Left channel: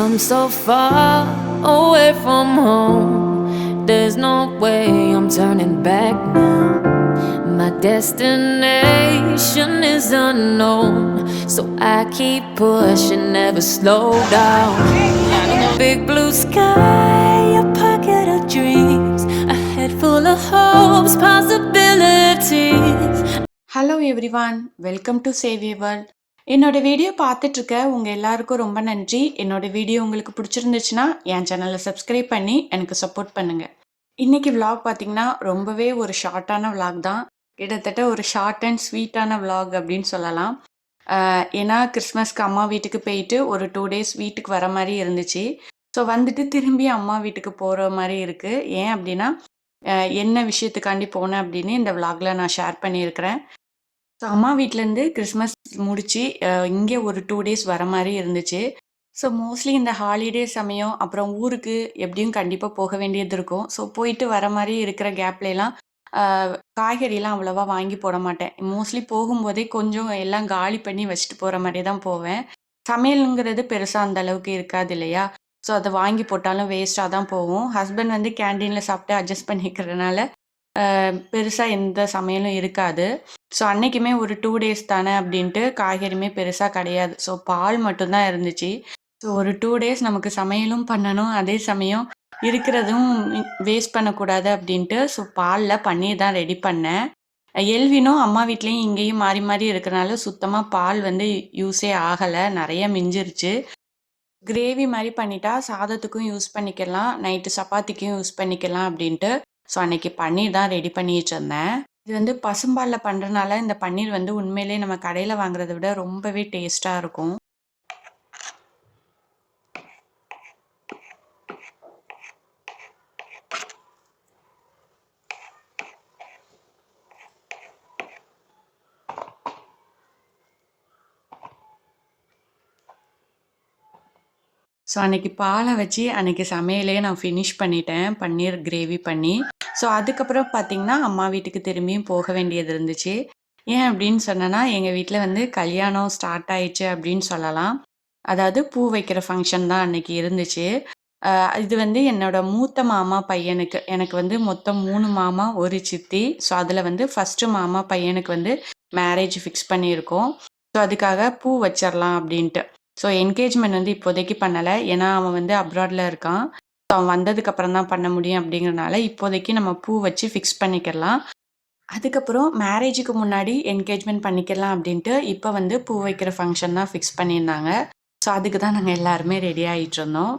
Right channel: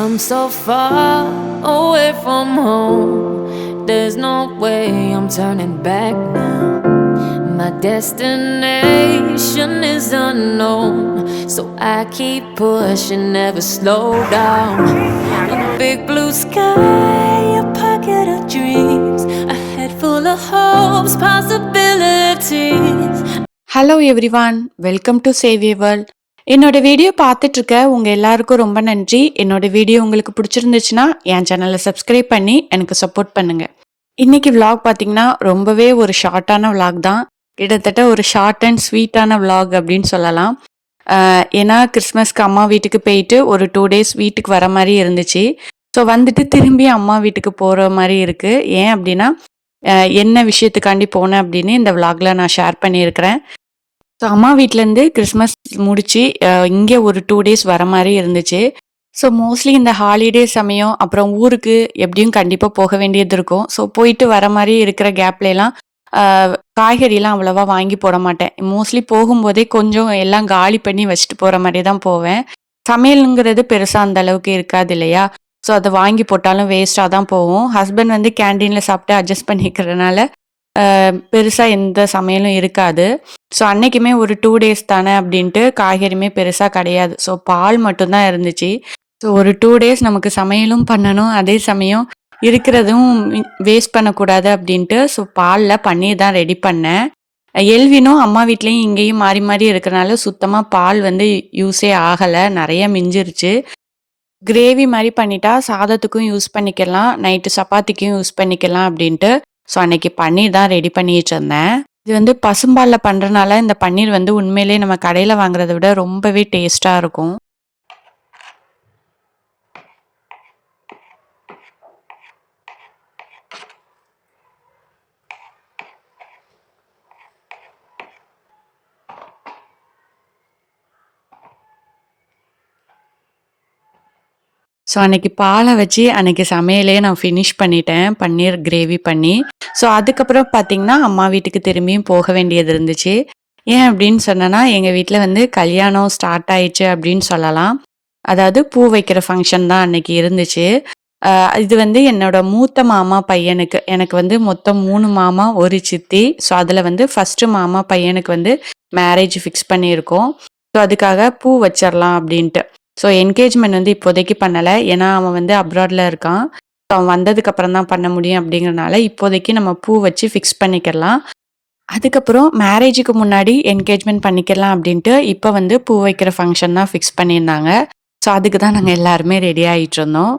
come so far away from home. There's no way I'm turning back now. My destination is unknown, so I keep pushing, never slow down. A big blue sky, a pocket of dreams, a head full of hopes, possibilities. Hello everyone, welcome to Xavier world. என்னோட video பார்த்துட்டு இருக்க உங்கள் எல்லாருக்கும் ரொம்ப நன்றி. என்னோட video உங்களுக்கு பிடிச்சிருந்துச்சுன்னா என் சேனலை சப்ஸ்கிரைப் பண்ணி எனக்கு சப்போர்ட் பண்ணுங்க. இன்னைக்கு விலாக் பார்த்தீங்கன்னா ரொம்பவே ஒரு ஷார்ட்டான விலாக் தான். கிட்டத்தட்ட ஒரு ஷார்ட் அண்ட் ஸ்வீட்டான விலாக் அப்படின்னு சொல்லலாம். ஏன்னா கிறிஸ்மஸ்க்கு அம்மா வீட்டுக்கு போயிட்டு ஒரு 2 days வீட்டுக்கு வர மாதிரி இருந்துச்சு. ஸோ வந்துட்டு திரும்பி அம்மா வீட்டுக்கு போகிற மாதிரி இருக்குது. ஏன் அப்படின்னா என்ன விஷயத்துக்காண்டி போனேன் அப்படின்னு இந்த விலாகில் நான் ஷேர் பண்ணியிருக்கிறேன். ஸோ அம்மா வீட்டிலேருந்து கிறிஸ்மஸ் முடிச்சு இங்கே ஒரு 2 days வர மாதிரி இருந்துச்சு. ஸோ மோஸ்ட்லி இந்த ஹாலிடே சமயம் அப்புறம் ஊருக்கு எப்படியும் கண்டிப்பாக போக வேண்டியது இருக்கும். ஸோ போயிட்டு வர மாதிரி இருக்கிற கேப்லாம் காய்கறிலாம் அவ்வளோவா வாங்கி போட மாட்டேன். மோஸ்ட்லி போகும்போதே கொஞ்சம் எல்லாம் காலி பண்ணி வச்சுட்டு போகிற மாதிரி தான் போவேன். சமையலுங்கிறது பெருசாக அந்த அளவுக்கு இருக்காது இல்லையா? ஸோ அதை வாங்கி போட்டாலும் வேஸ்ட்டாக தான் போகும். ஹஸ்பண்ட் வந்து கேன்டீனில் சாப்பிட்டு அட்ஜஸ்ட் பண்ணிக்கிறதுனால பெருசாக எந்த சமையலும் இருக்காது. ஸோ அன்னைக்குமே ஒரு 2 days தானே அப்படின்ட்டு காய்கறியுமே பெருசாக கிடையாது. ஸோ பால் மட்டும்தான் இருந்துச்சு. ஸோ ஒரு 2 days நமக்கு சமையலும் பண்ணணும், அதே சமயம் இருக்கிறதும் வேஸ்ட் பண்ணக்கூடாது அப்படின்ட்டு ஸோ பாலில் பன்னீர் தான் ரெடி பண்ணேன். எல்வினும் அம்மா வீட்லேயும் இங்கேயும் மாறி மாறி இருக்கிறனால சுத்தமாக பால் வந்து யூஸே ஆகலை, நிறைய மிஞ்சிருச்சு. கிரேவி மாதிரி பண்ணிட்டா சாதத்துக்கும் யூஸ் பண்ணிக்கலாம், நைட்டு சப்பாத்திக்கும் யூஸ் பண்ணிக்கலாம் அப்படின்ட்டு ஸோ அன்னைக்கு பன்னீர் தான் ரெடி பண்ணிட்டு இருந்தேன். இது வந்து பசும்பாலில் பண்ணுறனால இந்த பன்னீர் வந்து உண்மையிலே நம்ம கடையில் வாங்குறத விட ரொம்பவே டேஸ்ட்டாக இருக்கும். ஸோ அன்னைக்கு பாலை வச்சு அன்னைக்கு சமையலே நான் ஃபினிஷ் பண்ணிட்டேன், பன்னீர் கிரேவி பண்ணி. ஸோ அதுக்கப்புறம் பார்த்தீங்கன்னா அம்மா வீட்டுக்கு திரும்பியும் போக வேண்டியது இருந்துச்சு. ஏன் அப்படின்னு சொன்னேன்னா எங்கள் வீட்டில் வந்து கல்யாணம் ஸ்டார்ட் ஆயிடுச்சு அப்படின்னு சொல்லலாம். அதாவது பூ வைக்கிற ஃபங்க்ஷன் தான் அன்னைக்கு இருந்துச்சு. இது வந்து என்னோட மூத்த மாமா பையனுக்கு, எனக்கு வந்து மொத்தம் 3 மாமா 1 சித்தி. ஸோ அதில் வந்து ஃபஸ்ட்டு மாமா பையனுக்கு வந்து மேரேஜ் ஃபிக்ஸ் பண்ணியிருக்கோம். ஸோ அதுக்காக பூ வச்சிடலாம் அப்படின்ட்டு. ஸோ என்கேஜ்மெண்ட் வந்து இப்போதைக்கு பண்ணலை, ஏன்னா அவன் வந்து அப்ராடில் இருக்கான். ஸோ அவன் வந்ததுக்கு அப்புறம் தான் பண்ண முடியும் அப்படிங்கிறனால இப்போதைக்கு நம்ம பூ வச்சு ஃபிக்ஸ் பண்ணிக்கலாம். அதுக்கப்புறம் மேரேஜுக்கு முன்னாடி என்கேஜ்மெண்ட் பண்ணிக்கலாம் அப்படின்ட்டு இப்போ வந்து பூ வைக்கிற ஃபங்க்ஷன் தான் ஃபிக்ஸ் பண்ணியிருந்தாங்க. ஸோ அதுக்கு தான் நாங்கள் எல்லாருமே ரெடி ஆகிட்டு இருந்தோம்.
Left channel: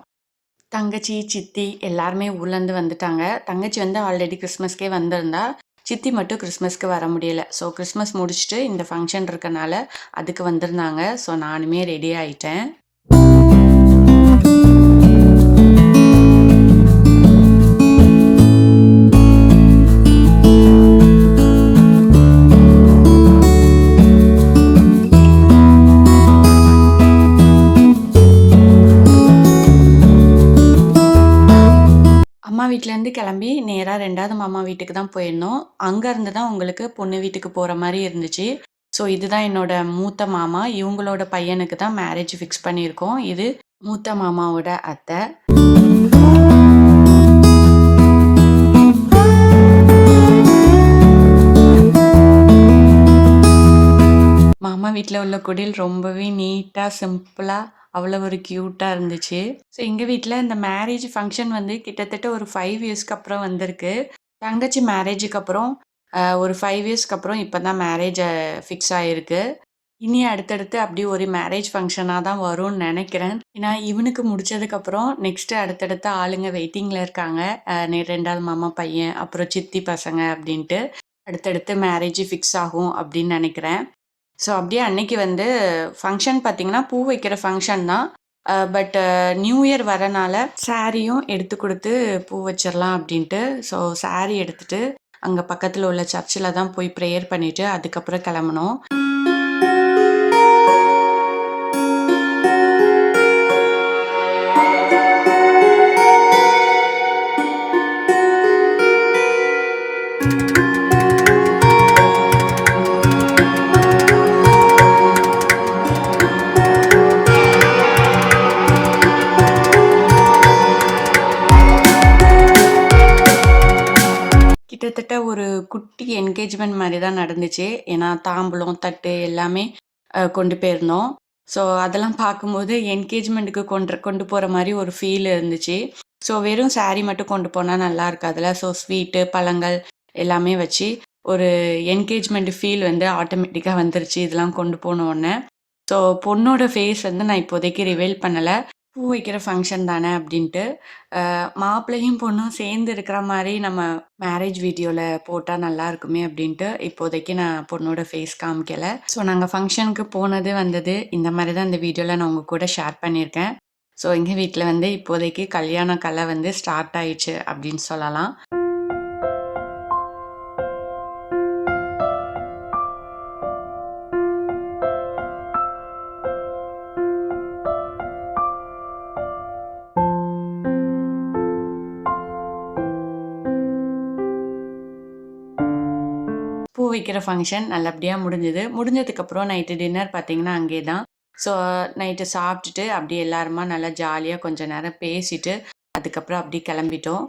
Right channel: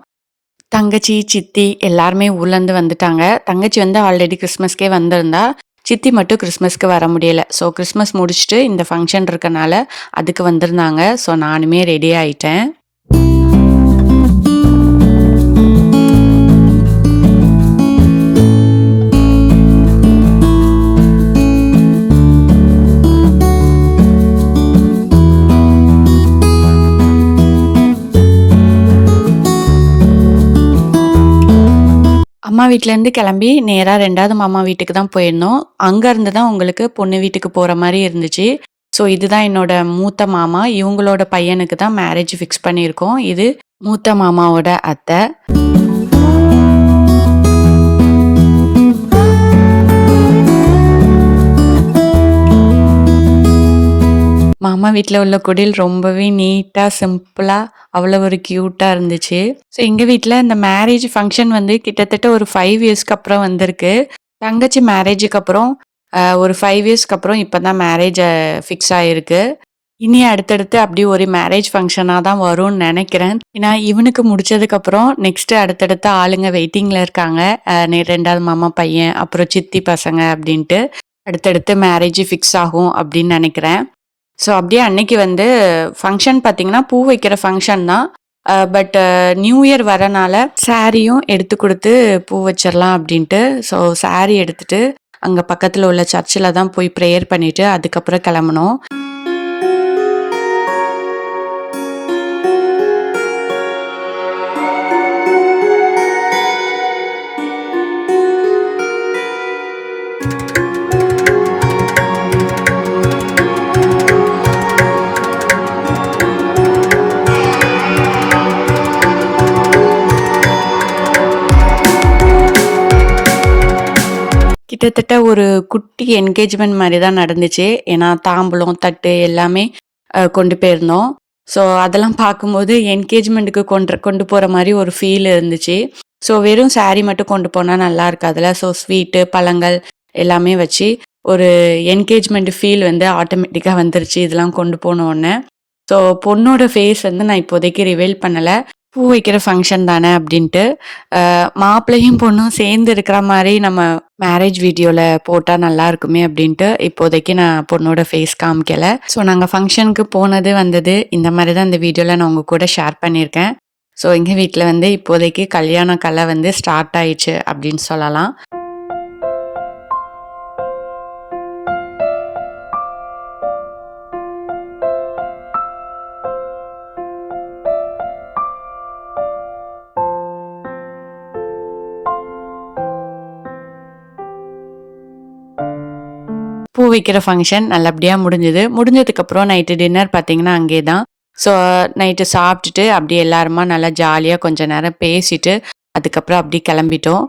தங்கச்சி சித்தி எல்லாருமே ஊர்லேருந்து வந்துட்டாங்க. தங்கச்சி வந்து ஆல்ரெடி கிறிஸ்மஸ்க்கே வந்திருந்தா, சித்தி மட்டும் கிறிஸ்மஸ்க்கு வர முடியலை. ஸோ கிறிஸ்மஸ் முடிச்சுட்டு இந்த ஃபங்க்ஷன் இருக்கனால அதுக்கு வந்திருந்தாங்க. ஸோ நானுமே ரெடி ஆகிட்டேன். அம்மா வீட்டிலேருந்து கிளம்பி நேராக 2வது மாமா வீட்டுக்கு தான் போயிருந்தோம். அங்கேருந்து தான் உங்களுக்கு பொண்ணு வீட்டுக்கு போகிற மாதிரி இருந்துச்சு. ஸோ இதுதான் என்னோட மூத்த மாமா, இவங்களோட பையனுக்கு தான் மேரேஜ் ஃபிக்ஸ் பண்ணியிருக்கோம். இது மூத்த மாமாவோட அத்தை. மாமா வீட்டில் உள்ள குடில் ரொம்பவே நீட்டாக சிம்பிளாக அவ்வளோ ஒரு க்யூட்டாக இருந்துச்சு. ஸோ எங்கள் வீட்டில் இந்த மேரேஜ் ஃபங்க்ஷன் வந்து கிட்டத்தட்ட ஒரு 5 yearsக்கு அப்புறம் வந்திருக்கு. தங்கச்சி மேரேஜுக்கு அப்புறம் ஒரு 5 yearsக்கு அப்புறம் இப்போ தான் மேரேஜ் ஃபிக்ஸ் ஆகிருக்கு. இனி அடுத்தடுத்து அப்படி ஒரு மேரேஜ் ஃபங்க்ஷனாக தான் வரும்னு நினைக்கிறேன். ஏன்னா இவனுக்கு முடிச்சதுக்கப்புறம் நெக்ஸ்ட்டு அடுத்தடுத்த ஆளுங்க வெயிட்டிங்கில் இருக்காங்க. 2வது மாமா பையன், அப்புறம் சித்தி பசங்க அப்படின்ட்டு அடுத்தடுத்து மேரேஜ் ஃபிக்ஸ் ஆகும் அப்படின்னு நினைக்கிறேன். ஸோ அப்படியே அன்னைக்கு வந்து ஃபங்க்ஷன் பார்த்தீங்கன்னா பூ வைக்கிற ஃபங்க்ஷன் தான். பட் நியூ இயர் வரனால சாரியும் எடுத்து கொடுத்து பூ வச்சிடலாம் அப்படின்ட்டு ஸோ சாரி எடுத்துகிட்டு அங்கே பக்கத்தில் உள்ள சர்ச்சில் தான் போய் ப்ரேயர் பண்ணிவிட்டு அதுக்கப்புறம் கிளம்புனோம். கிட்டத்தட்ட ஒரு குட்டி என்கேஜ்மெண்ட் மாரி தான் நடந்துச்சு. ஏன்னா தாம்பூலம், தட்டு எல்லாமே கொண்டு போயிருந்தோம். ஸோ அதெல்லாம் பார்க்கும்போது என்கேஜ்மெண்ட்டுக்கு கொண்டு போற மாரி ஒரு ஃபீல் இருந்துச்சு. ஸோ வெறும் சாரி மட்டும் கொண்டு போனா நல்லா இருக்காதுல்ல. ஸோ ஸ்வீட்டு, பழங்கள் எல்லாமே வச்சு ஒரு என்கேஜ்மெண்ட் ஃபீல் வந்து ஆட்டோமேட்டிக்கா வந்துருச்சு இதெல்லாம் கொண்டு போன உடனே. ஸோ பொண்ணோட ஃபேஸ் வந்து நான் இப்போதைக்கு ரிவீல் பண்ணல. பூ வைக்கிற ஃபங்ஷன் தானே அப்படின்ட்டு. மாப்பிள்ளையும் பொண்ணும் சேர்ந்து இருக்கிற மாரி நம்ம மேரேஜ் வீடியோல போட்டா நல்லா இருக்குமே அப்படின்ட்டு இப்போதைக்கு நான் பொண்ணோட ஃபேஸ் காமிக்கல. ஸோ நாங்க ஃபங்ஷனுக்கு போனது, வந்தது இந்த மாரி தான் இந்த வீடியோல நான் உங்க கூட ஷேர் பண்ணியிருக்கேன். ஸோ எங்க வீட்ல வந்து இப்போதைக்கு கல்யாண கலை வந்து ஸ்டார்ட் ஆயிடுச்சு அப்படின்னு சொல்லலாம். பூ வைக்கிற ஃபங்ஷன் நல்லபடியா முடிஞ்சது. முடிஞ்சதுக்கப்புறம் நைட்டு டின்னர் பார்த்தீங்கன்னா அங்கேயே தான். ஸோ நைட்டு சாப்பிட்டுட்டு அப்படியே எல்லாருமா நல்லா ஜாலியா கொஞ்ச நேரம் பேசிட்டு, அதுக்கப்புறம் அப்படியே கிளம்பிட்டோம்.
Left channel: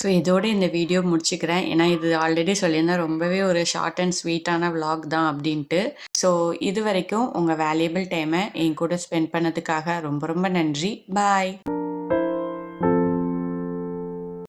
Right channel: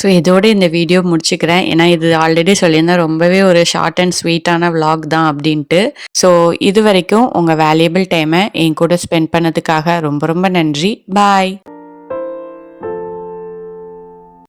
ஸோ இதோட இந்த வீடியோ முடிச்சுக்கிறேன். ஏன்னா இது ஆல்ரெடி சொல்லியிருந்தேன் ரொம்பவே ஒரு ஷார்ட் அண்ட் ஸ்வீட்டான விளாக் தான் அப்படின்ட்டு. ஸோ இதுவரைக்கும் உங்க வேல்யூபிள் டைம என் கூட ஸ்பெண்ட் பண்ணதுக்காக ரொம்ப ரொம்ப நன்றி. பாய்.